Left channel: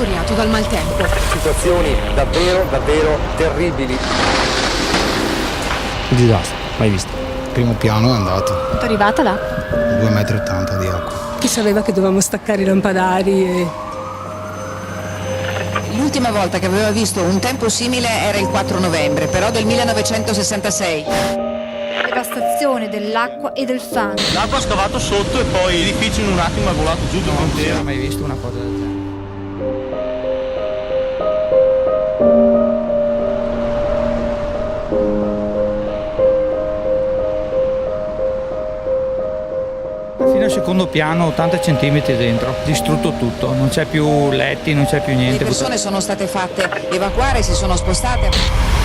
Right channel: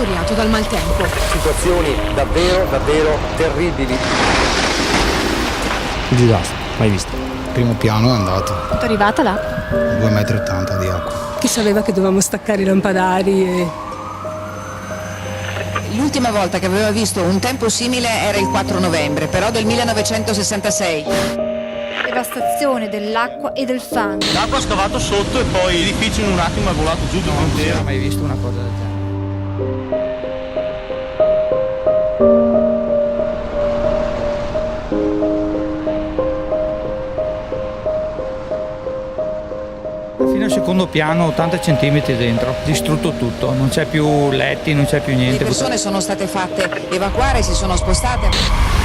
martoriato dal maltempo. Situazioni davvero, davvero terribili. Un disastro, mai visto. Primo piano è andato. Quanto è arrivata l'acqua? 2,80 m di acqua. Chi sapeva che dovevamo staccare i lampadari e... L'ultima volta che aveva visto un tempo simile era il 4 novembre, però del 1966. Devastazione dell'acqua e del fango. L'acqua ha scavato sotto e poi l'edificio in un attimo è volato giù tutto intero. Non ho mai visto una cosa del genere. Fino al secondo piano, 80 centimetri dentro, distrutto tutto, non c'è più letti, non c'è più niente. Le persone sono state fatte evacuare, si sono spostate.